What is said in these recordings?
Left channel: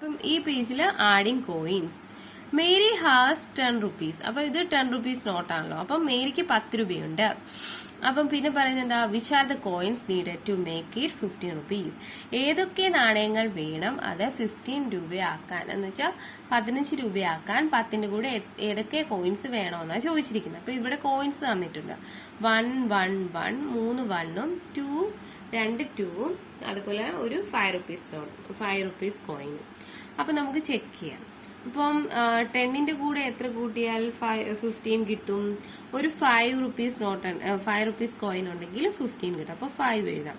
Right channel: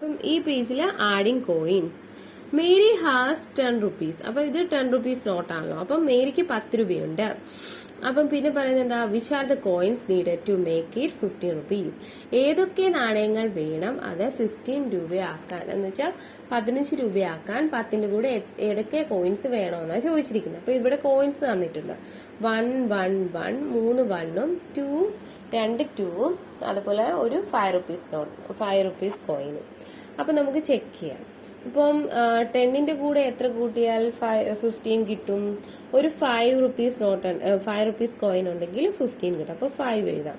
അപ്പം ഈ പേജിൽ adding coins Mary has 10 rupees. അപ്പൊ ഇത് 10 റുപ്പീസ് നോട്ടാണല്ലോ. അപ്പം മേരിക്ക് 10 രൂപയുണ്ട്. അപ്പം പിന്നെ പറയുന്നത് എന്താ, which are the coins needed to make it 15 rupees. ഏതൊക്കെ നാണയങ്ങൾ വേണം അത് 15 രൂപയാക്കാൻ, എന്ന് വെച്ചാൽ 15 രൂപയാക്കാൻ 10ന്റെ കൂടെ ഏതൊക്കെ കോയിൻസ് വേണമെന്നാണ് ചോദിച്ചിരിക്കുന്നത്. അപ്പൊ ഇവിടെ കോയിൻസ് തന്നിട്ടുണ്ട്. 1 1 1 3 1ഉം 2 2 2ഉം അതുപോലെ ഒരു 5 റുപ്പീസ് നോട്ട് 5 റുപ്പീസ് കോയിനും. അപ്പൊ നമുക്ക് ചെക്ക് ചെയ്യാം. ഇപ്പം 10ന്റെ കൂടെ എത്ര കൂട്ടിയാൽ 15 കിട്ടും. ഒരു 5 റുപ്പീസ് നോട്ട് 5 റുപ്പീസ് കോയിൻ ഉണ്ടെങ്കിൽ 15 കിട്ടും. അപ്പൊ 5 എഴുതാം.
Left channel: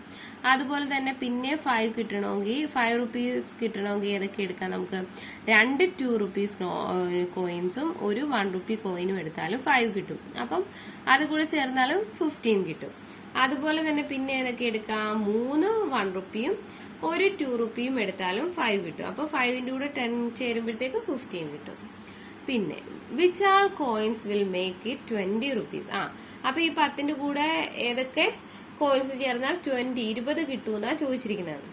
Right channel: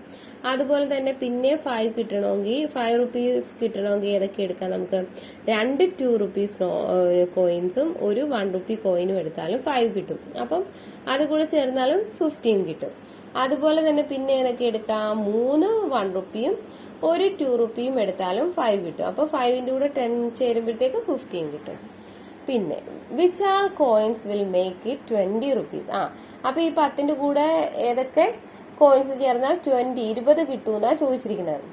അതുപോലെ തന്നെ പിന്നെ 5 കിട്ടണമെങ്കിൽ 5 റുപ്പീസ് കിട്ടണമെങ്കിൽ ഏതൊക്കെ എടുക്കാം നമുക്ക്, 2 2 റുപ്പീസ് കോയിൻസും ഒരു 1 റുപ്പി കോയിനും എടുത്താലും 5 കിട്ടും. അപ്പം അത് കൂടെ ചേർന്നാലും 15 കിട്ടും. അതുപോലെ തന്നെ പിന്നെ ഏതൊക്കെ എടുക്കാം, 3 1 റുപ്പിയും ഒരു 2 റുപ്പിയും എടുത്താലും 5 കിട്ടും. അപ്പൊ 5ന്റെ കൂടെ 10 ചേരുമ്പോഴത്തേക്ക് 15 കിട്ടും. പിന്നെ which all coins will make it 20 rupees. അപ്പൊ ഈ 10ന്റെ കൂടെ ഏതൊക്കെ കോയിൻസ് ചേർന്നാൽ 20 കിട്ടുമെന്നാ ചോദിച്ചിരിക്കുന്നത്.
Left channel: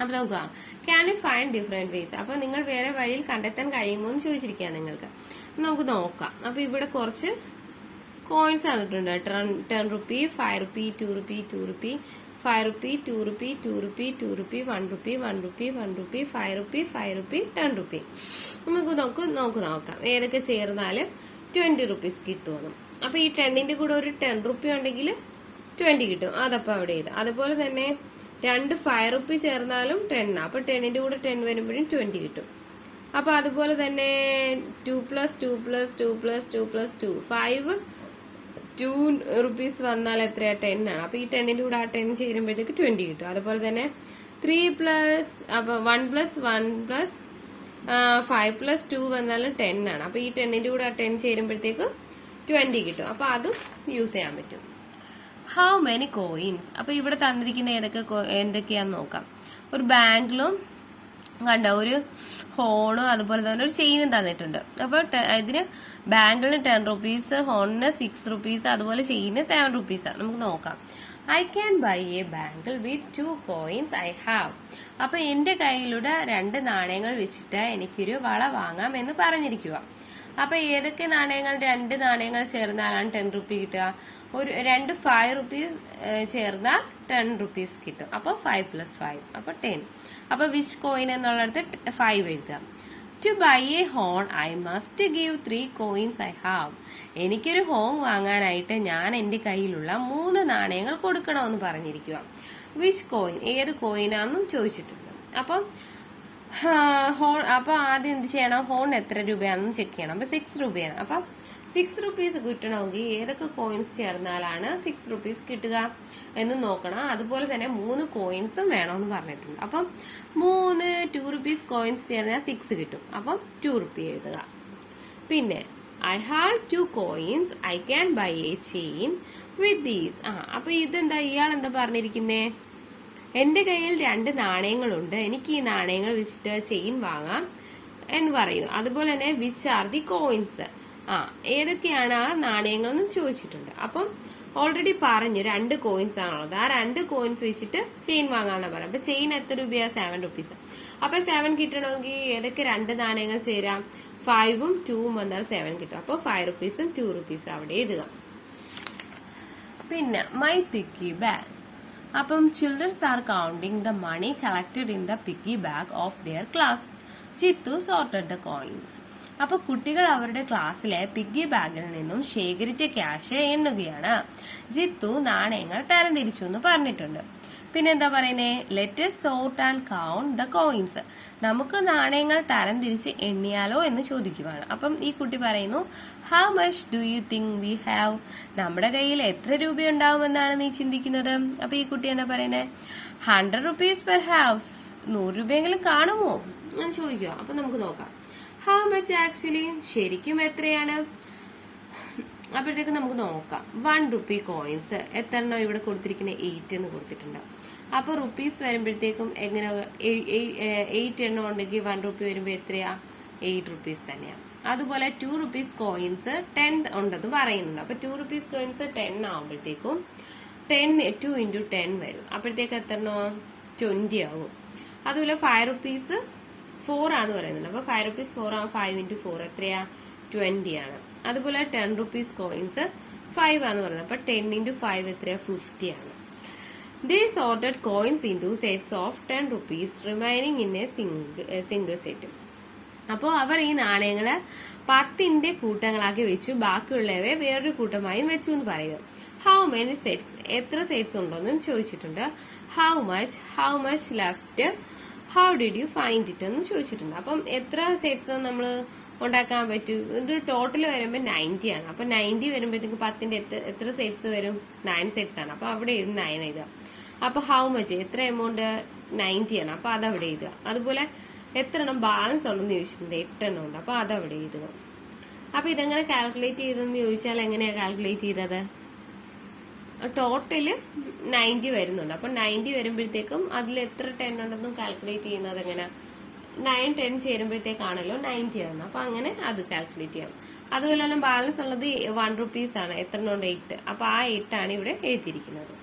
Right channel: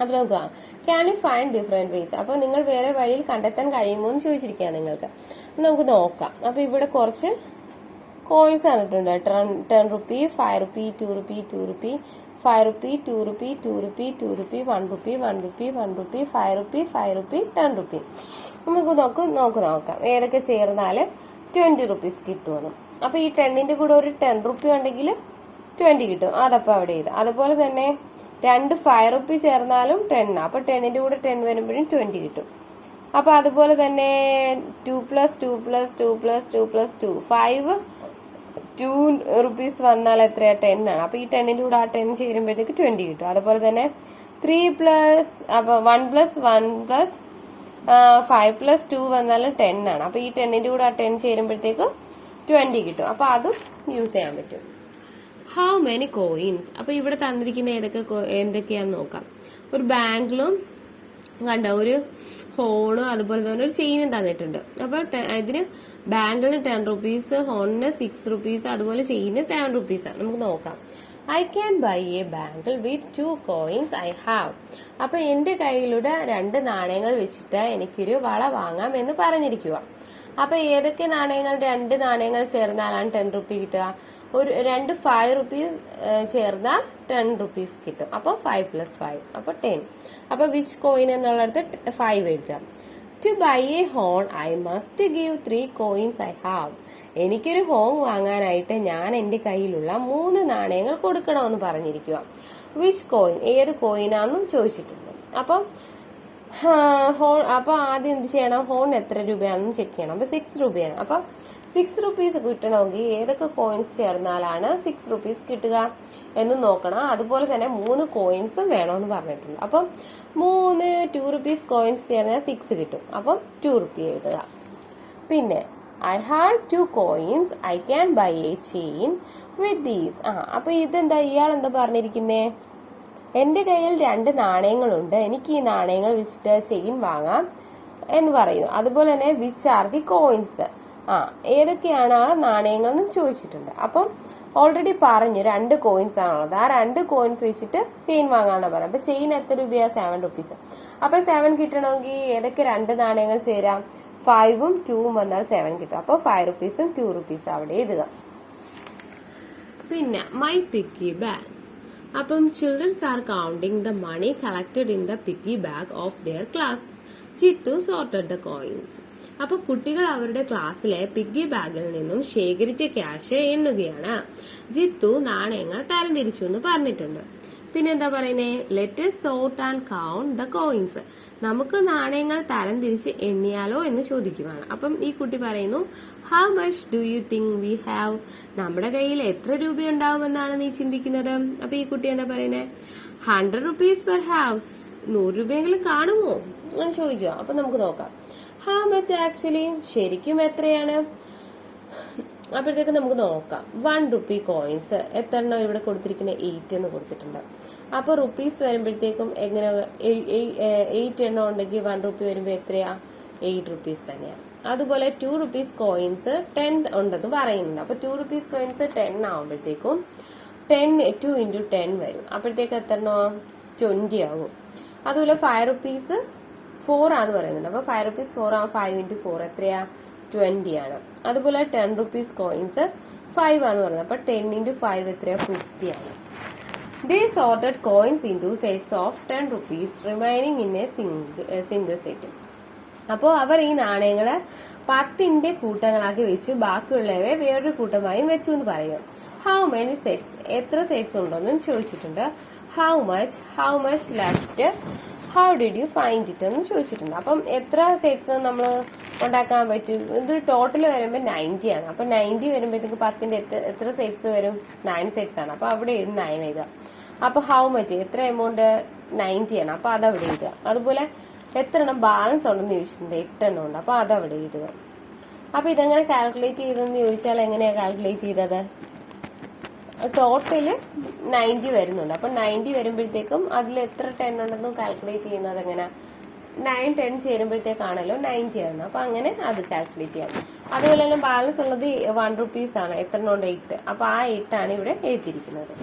അപ്പൊ നോക്കുക, can you find different vase. അപ്പൊ നിങ്ങൾ വേറെ വഴിയിൽ കണ്ടെത്താൻ കഴിയുമോ എന്ന് ചോദിച്ചിരിക്കുക നിങ്ങൾക്ക്. നമുക്ക് നോക്കാം. അപ്പൊ ഇവിടെ കുറച്ച് കോയിൻസ് തന്നിട്ടുണ്ട്. 10 rupee 5 rupee 2 rupee 2 rupee 5 rupee 2 rupee 2 rupee 2 rupee 1 rupee 1 rupee 1 rupee 5 rupee 5 rupee 10 rupee. നമുക്ക് നോക്കാം ഏതൊക്കെ ചേർന്നാല് 20 റുപ്പീസ് കിട്ടുമെന്ന്. അപ്പൊ ഈ 10ന്റെ കൂടെ ഒരു 10 റുപ്പി ഉണ്ടെങ്കിൽ 20 കിട്ടും. അതപ്പോ അവിടെ ചെയ്ത്. അതുപോലെ തന്നെ 2 5 റുപ്പി ചേർന്നാലും 10. അപ്പൊ 10ന്റെ കൂടെ 10 വരുമ്പോഴും 20 കിട്ടും. അപ്പൊ അതുപോലെ തന്നെ 2 + 2 + 2 + 2 + 2 5 2 റുപ്പീസ് വന്നാൽ എത്രയാ, 10 ആണ്. അപ്പൊ ഈ 10ന്റെ കൂടെ ആ 10 ചേരുമ്പോഴത്തേക്ക് 20 കിട്ടും. അതുപോലെ തന്നെ 1 + 1 + 5 + 2 വന്നാലും 10 ആണ്. അപ്പൊ ഈ 10ന്റെ കൂടെ ആ 10 ചേരുമ്പോഴത്തേക്ക് 20 കിട്ടും. അപ്പൊ അതും യൂസ് ചെയ്യാൻ പറ്റും. How many coins. അപ്പൊ ഇവിടെ തന്നിരിക്കുന്ന എന്തൊക്കെയാന്ന് നോക്കാം. ഒരു ബാങ്കിലും കണ്ട ഒരു ഹോണും അതുപോലെ തന്നെ ഒരു ചെയിനും തന്നിട്ടുണ്ട്. അപ്പൊ ഇതിന് ബാങ്കിളിന് 10 റുപ്പീസ്, ഹോണിന് 6 റുപ്പീസ്, അതുപോലെ ചെയിന് 7 റുപ്പീസ്. നമുക്ക് നോക്കാം. I can buy A bangle with 2 coins I have. അപ്പൊ എന്റെ കയ്യിലൂടെ 2 നാണയങ്ങൾ വെച്ചിട്ട് എനിക്കൊരു വള വാങ്ങാം എന്ന് പറഞ്ഞിരിക്കുക. അപ്പൊ ഏതൊക്കെ നാണയങ്ങൾ, 2 നാണയങ്ങൾ ചേർന്നാലാണ് 10 റുപ്പി കിട്ടുക. ഒരു 2 5 റുപ്പീസ് ചേർന്നാൽ 10 റുപ്പീസ് കിട്ടും. അപ്പൊ 5 + 5 അപ്പൊ 10. അപ്പൊ വിച്ച് കോയിൻ എന്നുള്ളടത്ത് 5 എഴുതാം. To buy a horn I must give 3 coins I have. എനിക്കൊരു ഹോൺ വാങ്ങാനായിട്ട് ഞാൻ എന്റെ കയ്യിലുള്ള 3 നാണയങ്ങൾ കൊടുക്കണമെന്ന് പറഞ്ഞിരിക്കുക. വിച്ച് കോയിൻ, ഏത് കോയിനാന്നും ചോദിച്ചിട്ടുണ്ട്. അപ്പം ഹോൺ, അപ്പൊ ആദ്യം എന്ത് ചെയ്യണം, ഹോൺ എത്ര രൂപയാണെന്ന് ചെക്ക് ചെയ്യണം. അപ്പൊ 6 രൂപയാണ്. അപ്പൊ 6 റുപ്പീസ് കിട്ടണമെങ്കിൽ ഏതൊക്കെ കോയിൻസ് ചേർന്നാലാണ് 6 റുപ്പീസ് കിട്ടുക എന്ന് നോക്കണം. അതുപോലെ തന്നെ 3 കോയിൻസും വേണമെന്ന് പറഞ്ഞിട്ടുണ്ട്. അപ്പം 3 2 റുപ്പീസ് കോയിൻസ് ചേർന്നാൽ 6 കിട്ടും. അപ്പം 2 റുപ്പി എഴുതുക. പിന്നെ I have 2 coins I can buy A chain with these. അപ്പൊ ഇതെന്താ, ഇയാൾ എന്താ പറഞ്ഞിരിക്കുന്നേ, എന്റെ കയ്യിൽ 2 നാണയങ്ങളുണ്ട്, എനിക്ക് ഈ നാണയങ്ങൾ വെച്ചിട്ട് ചെയിൻ വാങ്ങാം എന്ന് പറയും. അതുപോലെ തന്നെ വിച്ച് ആർ ദി കോയിൻസ്, ഏതൊക്കെയാണ് ആ നാണയങ്ങളെന്ന് ചോദിച്ചിട്ടുണ്ട്. അപ്പം ഓൾറെഡി പറഞ്ഞു 2 കോയിൻസ് ആണുള്ളത്. ആ 2 കോയിൻസ് വെച്ചിട്ട് ചെയിൻ വാങ്ങാനാണ് പറയാം. അപ്പൊ ചെയിൻ എത്ര രൂപയാ, 7 റുപ്പീസ്. അപ്പൊ 7 കിട്ടണമെങ്കിൽ ഏതൊക്കെ 2 നാണയങ്ങൾ ചേരാം, 5ഉം 2ഉം വന്നാൽ 7 കിട്ടും. അപ്പൊ 5 റുപ്പീസും 2 റുപ്പീസും അവിടെ എഴുതുക. പിന്നെ മൈ പിഗ്ഗി ബാഗ്. അപ്പം childrens are counting the money collected in the piggy bag of their class. Chithu sorted the coins. അപ്പൊ കുട്ടികൾ അവരുടെ ക്ലാസ്സിലെ പിഗ്ഗി ബാഗിൽ നിന്നും ശേഖരിച്ച ക്യാഷ് എണ്ണുകയാണ്. ജിത്തു നാണയങ്ങൾ തരംതിരിച്ചു എന്ന് പറഞ്ഞിട്ടുണ്ട്. പിന്നെന്താ പറയുന്നേ, let us sort and count the coins. നമുക്ക് നാണയങ്ങൾ തരംതിരിച്ച് എണ്ണിയാലോ എന്ന് ചോദിക്കുകയാണ്. അപ്പം ഈ കുട്ടി പറയുന്നു, how much do you think we have. നമ്മുടെ കയ്യിൽ എത്ര രൂപയുണ്ടാവുമെന്നാണ് നീ ചിന്തിക്കുന്നത്. അപ്പൊ ഈ കുട്ടി എന്താ പറയുന്നത്, 100 റുപ്പീസ് പെർ ഹൗസ്. 100 രൂപയെങ്കിലും കാണുമോ എന്ന് ചോദിക്കുക. അപ്പൊ നമുക്ക് നോക്കാം. ഹൗ മച്ച് ആക്ച്വലി, ശരിക്കും എത്രയാണ്. അപ്പോഴത്തേക്ക് നമുക്ക് നോക്കാം. 1 റുപ്പി കോയിൻസ് എത്ര എണ്ണം ഇവിടെ കൊടുത്തിരിക്കുന്നത്, 8 എന്ന് കൊടുത്തിട്ടുണ്ട്. അപ്പൊ റുപ്പീസ് വരുമ്പോഴത്തേക്കും എങ്ങനെ, 8 എണ്ണം ഉണ്ടെങ്കിൽ 1 റുപ്പി വരുമ്പോ എത്രയാ, 8 റുപ്പീസ് തന്നെയാ. അതുപോലെ 2 റുപ്പീസ് കോയിൻസ് 10 ഉണ്ടെന്ന് പറയുന്നുണ്ട്. അപ്പൊ 2 റുപ്പീസ് കോയിൻസ് 10 ആവുമ്പോഴത്തേക്കും 2 × 10 വരും. അപ്പോഴത്തേക്ക് എത്ര എണ്ണോ, 20 ആകും. അതുപോലെ 5 റുപ്പീസ് 4 ആണെന്ന് പറയുന്നുണ്ട്. അപ്പൊ 5 rupees 4 ആവും. 5 into 4 എത്രയാ? 20 ആണ്. അതുപോലെ 10 rupees കോയിൻസ് 5 ആണെന്ന് പറയുന്നത്. അപ്പൊ 10 into 5 എത്രയാ? 50 ആണ്. They sorted coins into sets of 10 rupees remaining in a single set. അപ്പോൾ അവർ ഈ നാണയങ്ങള് 10ന്റെ കൂട്ടങ്ങളാക്കി വെച്ചു, ബാക്കിയുള്ളവയെ വേറൊരു കൂട്ടമായും വെച്ചു എന്ന് പറയുക. ഹൗ മെനി സെറ്റ്സ്, എത്ര സെറ്റ്സ് ഉണ്ടെന്നും ചോദിച്ചിട്ടുണ്ട്. How much left, how did you find it എന്ന് ചോദിച്ചിട്ടുണ്ട്. അപ്പം എത്ര സെറ്റ്സ് നമ്മൾ ഉണ്ടാക്കാൻ പറ്റും? ഇത് ടോട്ടൽ വരുമ്പോൾ 90 ആണ്. അപ്പൊ 90 വരുമ്പോഴത്തേക്ക് 10ന്റെ എത്ര സെറ്റ്സ് വരും? 9 സെറ്റ്സ് ആണ്. അപ്പൊ അവിടെ 9 എഴുതുക. അപ്പൊ ഹൗ മച്ച്, എത്ര എമൗണ്ട്? 90 ആണ്. അപ്പൊ അതവിടെ എഴുതുക. അതുപോലെ എത്ര എണ്ണം ബാലൻസ് ഉണ്ടെന്ന് ചോദിച്ചിട്ടുണ്ട്. 8 എണ്ണം ഉണ്ട്. അപ്പൊ അതവിടെ എഴുതുക. അപ്പൊ ഇതെങ്ങനെ കാൽക്കുലേറ്റ് ചെയ്തെന്ന് ചോദിച്ചാൽ എങ്ങനെയാ കാൽക്കുലേറ്റ് ചെയ്തത്? ടോട്ടല് 90 വരുന്നുണ്ട്. അപ്പൊ 90 വരുമ്പോഴത്തേക്കും അതിൽ എത്ര 10 ഉണ്ടെന്ന് കാൽക്കുലേറ്റ് ചെയ്യുന്നത് എങ്ങനെ? 9 10 ചേരുമ്പോഴത്തേക്കാണല്ലോ 90 ആണ്. അപ്പൊ അങ്ങനെ അത് കാൽക്കുലേറ്റ് ചെയ്യാം. അതുപോലെ തന്നെ ബാലൻസ് ഉള്ളത് 1 rupees ആണ്. എത്ര എണ്ണം ഉണ്ട്? 8. അപ്പൊ ആ 8 ആണ് ഇവിടെ എഴുതിയിരിക്കുന്നത്.